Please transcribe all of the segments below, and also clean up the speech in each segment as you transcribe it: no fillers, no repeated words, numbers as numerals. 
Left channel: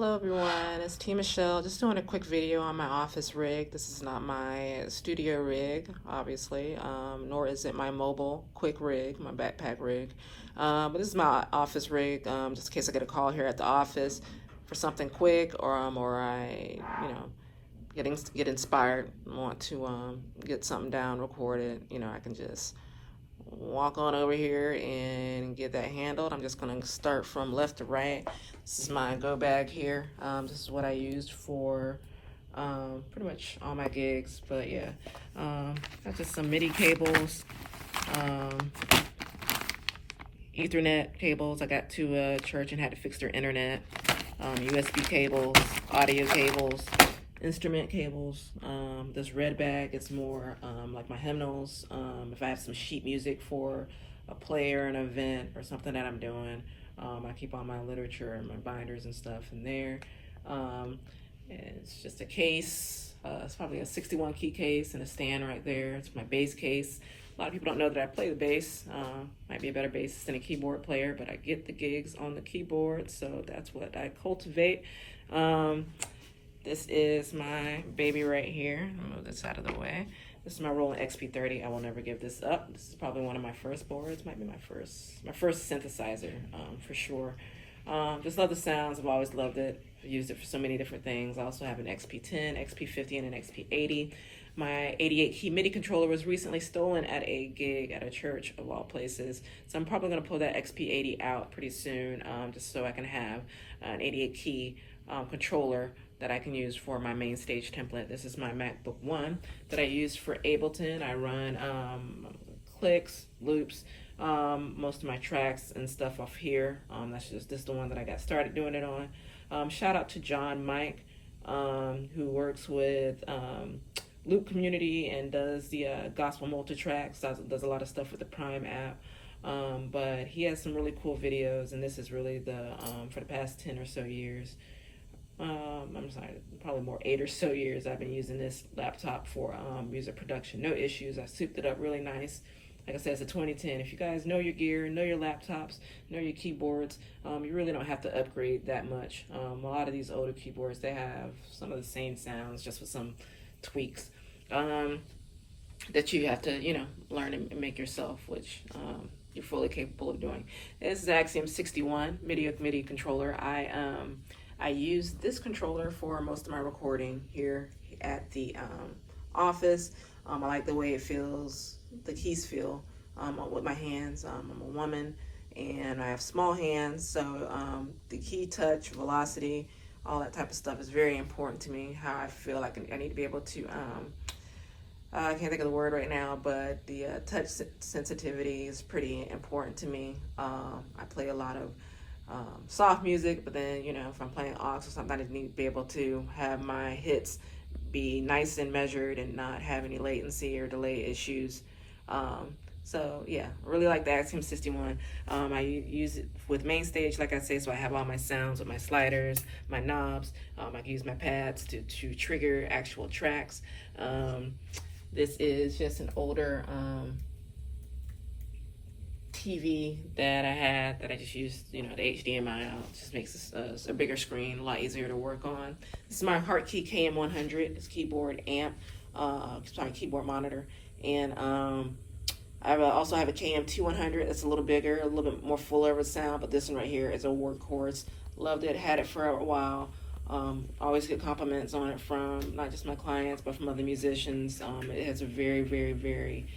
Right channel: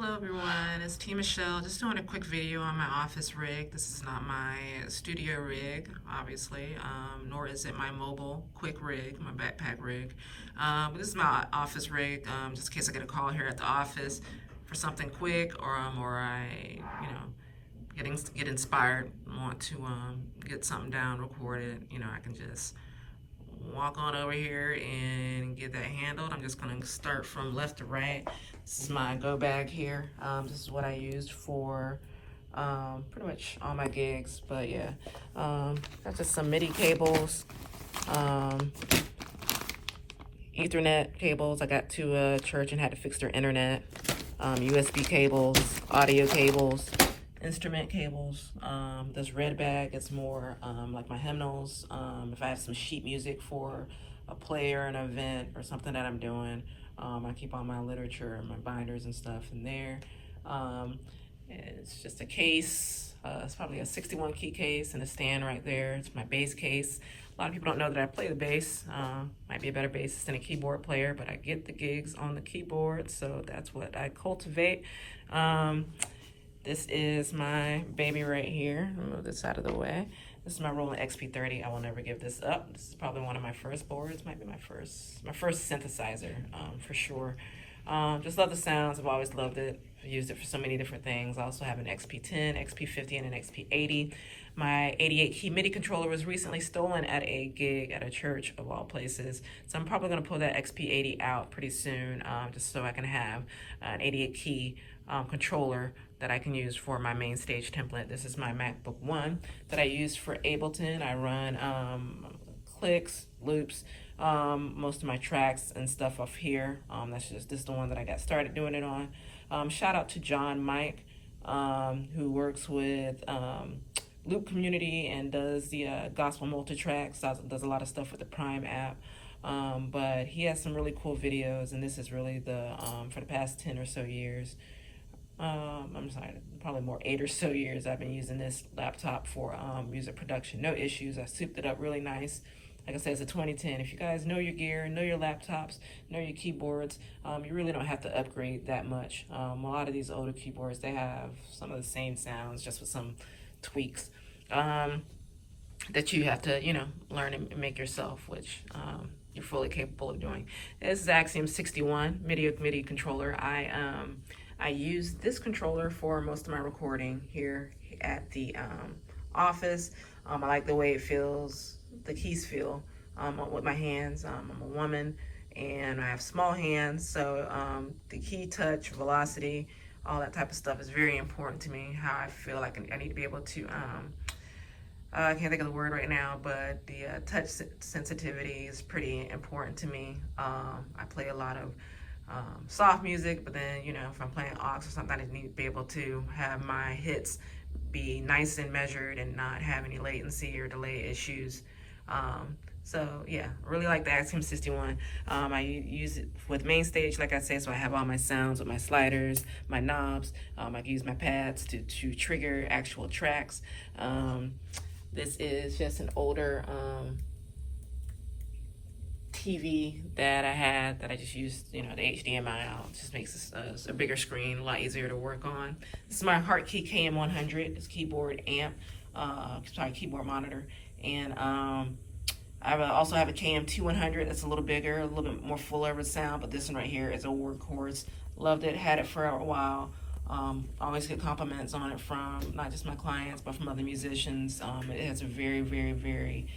Hello everyone, it's T Michelle. Just doing a quick video on my office rig. This is not my studio rig, obviously, nor is it my mobile quick rig, my backpack rig. But this is my office rig, just in case I get a call here at the office for something quick, or I, get inspired, want to get something down, recorded. I can just walk on over here and get that handled. I'm just going to start from left to right. This is my go bag here. This is what I used for pretty much all my gigs. But yeah, got just some MIDI cables, Ethernet cables. I got to a church and had to fix their internet. USB cables, audio cables, instrument cables. This red bag is more like my hymnals. If I have some sheet music for a play or an event or something that I'm doing, I keep all my literature and my binders and stuff in there. It's just a case. It's probably a 61 key case and a stand right there. It's my bass case. A lot of people don't know that I play the bass. Might be a better bassist than a keyboard player, but I get the gigs on the keyboard, so that's what I cultivate. This is my baby right here. I'll move this out of the way. This is my Roland XP30. I will never give this up. This is probably one of my first boards. Might be my first synthesizer, for sure. Just love the sounds. I've always loved it. I've used it for so many different things. I also have an XP10, XP50, and an XP80. My 88 key MIDI controller was recently stolen at a gig at a church of all places. So I'm probably gonna pull that XP80 out pretty soon, just so I can have an 88 key controller that I can use for my Mainstage template. This is my MacBook One that I use for Ableton. I run clicks, loops, most of my tracks and stuff off here. This is the one that I got started doing it on. Shout out to John Mike, who works with Loop Community and does the gospel multi-tracks, does a lot of stuff with the Prime app. But he has some really cool videos, and this is really the for the past 10 or so years, I'm sorry, probably more 8 or so years, I've been using this laptop for music production. No issues. I souped it up really nice. Like I said, it's a 2010. If you guys know your gear, know your laptops, know your keyboards, you really don't have to upgrade that much. A lot of these older keyboards, they have some of the same sounds, just with some tweaks that you have to, learn and make yourself, which you're fully capable of doing. This is Axiom 61 MIDI controller. I use this controller for most of my recording here at the office. I like the way it feels, the keys feel with my hands. I'm a woman and I have small hands, so the key touch, velocity, all that type of stuff is very important to me. How I feel like I need to be able to, I can't think of the word right now, but the touch sensitivity is pretty important to me. I play a lot of soft music, but then, if I'm playing aux or something, I need to be able to have my hits be nice and measured and not have any latency or delay issues. So yeah, really like the Axiom 61. I use it with Mainstage, like I say, so I have all my sounds with my sliders, my knobs. I can use my pads to trigger actual tracks. This is just an older TV that I had that I just used, the HDMI out. It just makes a bigger screen, a lot easier to work on. This is my Hartkey KM100. It's keyboard amp, keyboard monitor. And I also have a KM2100 that's a little bigger, a little bit more fuller of a sound, but this one right here is a workhorse. Loved it, had it for a while. Always get compliments on it from not just my clients, but from other musicians. It has a very, very, very,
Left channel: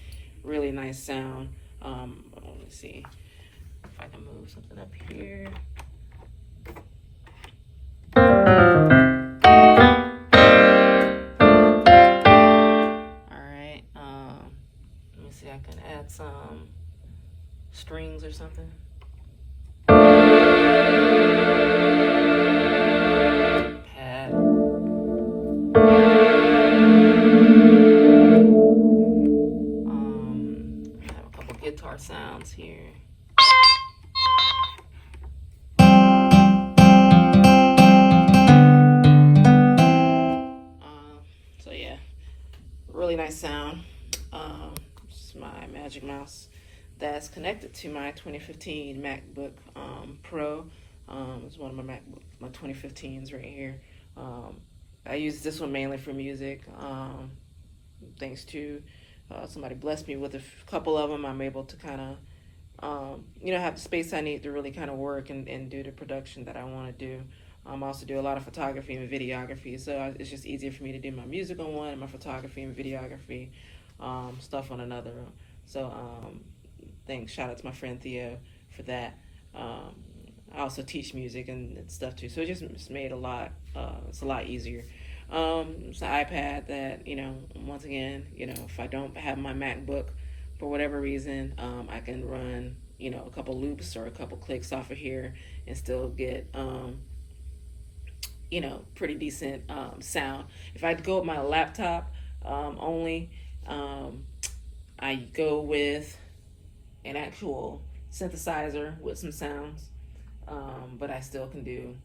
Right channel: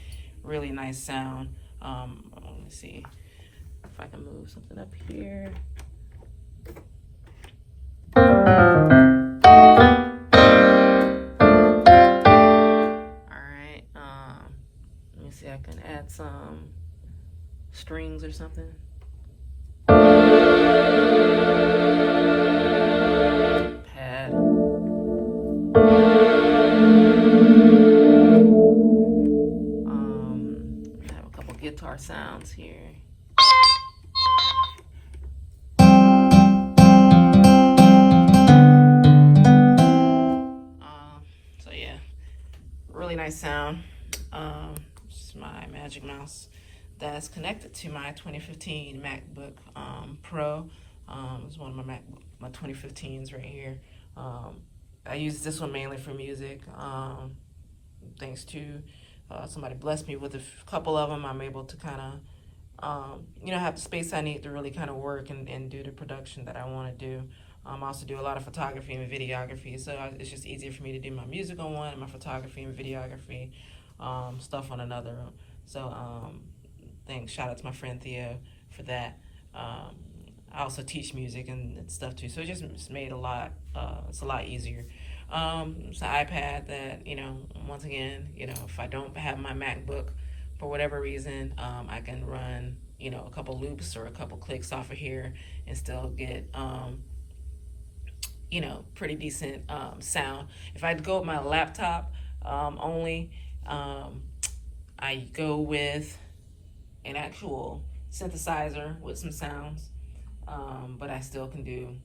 really nice sound. Let me see if I can move something up here. Alright, let me see, I can add some strings or something. Pad. I have a couple guitar sounds here. So yeah, really nice sound. It's my Magic Mouse that's connected to my 2015 MacBook Pro. It's one of my 2015s right here. I use this one mainly for music. Thanks to somebody blessed me with a couple of them. I'm able to kind of, have the space I need to really kind of work and do the production that I want to do. I also do a lot of photography and videography, so it's just easier for me to do my music on one and my photography and videography stuff on another. So thanks, shout out to my friend Theo for that. I also teach music and stuff too, so it's made it's a lot easier. It's an iPad that, once again, if I don't have my MacBook for whatever reason, I can run, a couple loops or a couple clicks off of here and still get, pretty decent sound. If I go with my laptop only, I go with an actual synthesizer with some sounds, but I still can do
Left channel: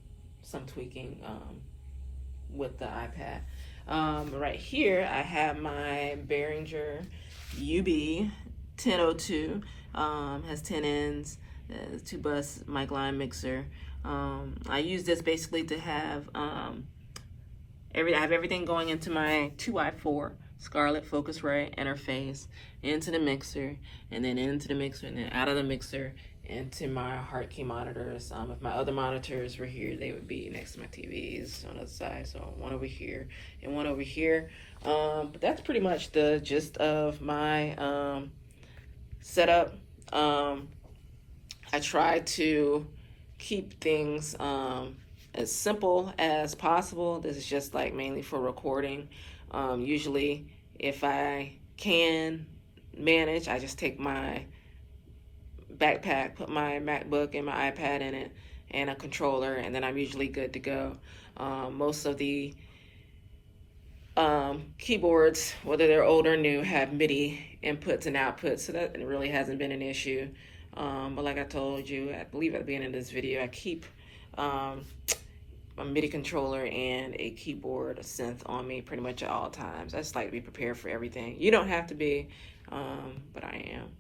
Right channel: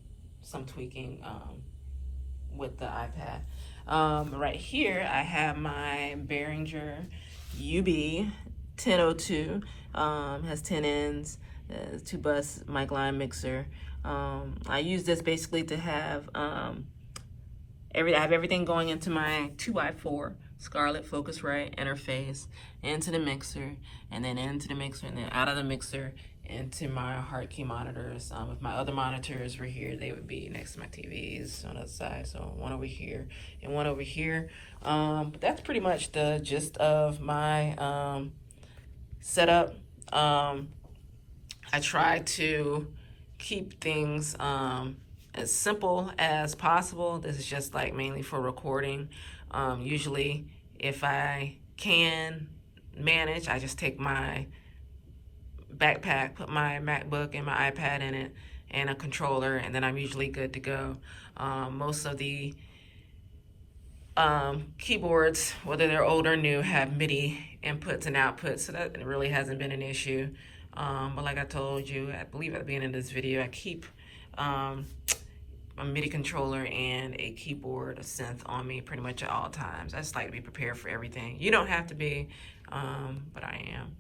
some tweaking with the iPad. Right here, I have my Behringer UB 1002. Has 10 ends, 2-bus mic line mixer. I use this basically to have I have everything going into my 2i4 Scarlett Focusrite interface, into the mixer, and then into the mixer, and then out of the mixer into my hard key monitors. If my other monitors were here, they would be next to my TVs on the side. So one over here and one over here. But that's pretty much the gist of my setup. I try to keep things as simple as possible. This is just like mainly for recording. Usually if I can manage, I just take my backpack, put my MacBook and my iPad in it, and a controller, and then I'm usually good to go. Most of the keyboards, whether they're old or new, have MIDI inputs and outputs, so that really hasn't been an issue. But like I told you, I believe at the beginning of this video, I keep a MIDI controller and a keyboard, a synth on me pretty much at all times. I just like to be prepared for everything. You don't have to be, but I am.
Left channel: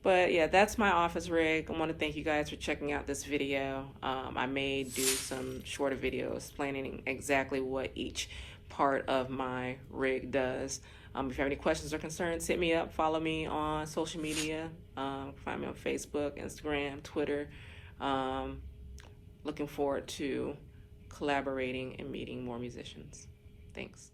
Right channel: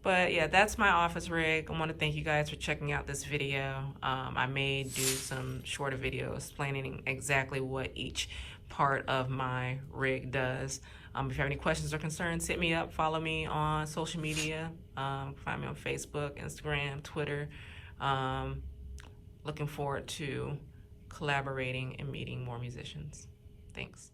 But yeah, that's my office rig. I want to thank you guys for checking out this video. I may do some shorter videos explaining exactly what each part of my rig does. If you have any questions or concerns, hit me up. Follow me on social media. Find me on Facebook, Instagram, Twitter. Looking forward to collaborating and meeting more musicians. Thanks.